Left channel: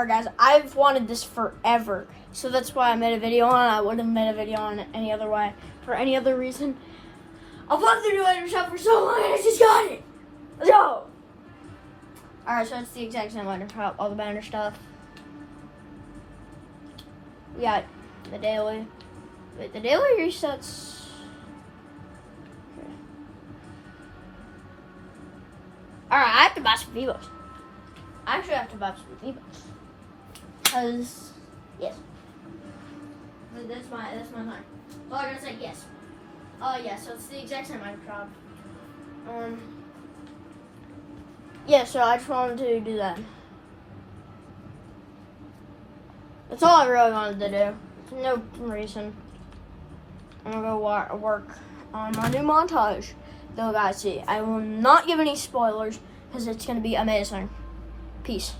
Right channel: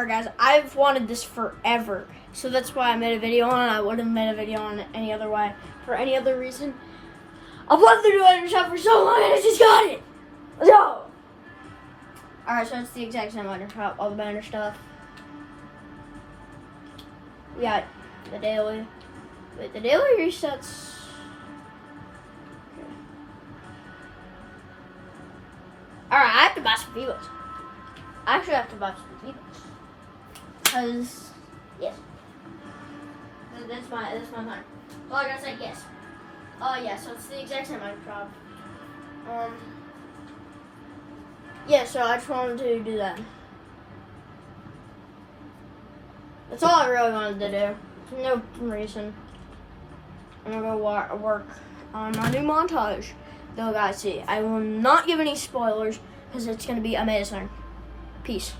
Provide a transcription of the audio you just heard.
Alright guys, I've wanted this forever. So that's why I made a video on it. I wouldn't have made a video on it any other way. For any other reason. I've wanted to do Ender Shop for so long and I just got it. So. Alright, so it's the exact same Ender Shop, all the banner stuff. We got the daily. Wait, the daily resets. Alright, I have to buy some V-Bucks. I actually have to buy some V-Bucks. Because, yes. That's my time. Well, I gotta say yes. Yeah, so it's the exact same Minecraft. Yeah, so I just wanted to do that. That's all I really wanted to do. No reason. I'm gonna go work on my new montage. Though, guys, see, I will not give any spoilers because it's gonna be amazing. Peace.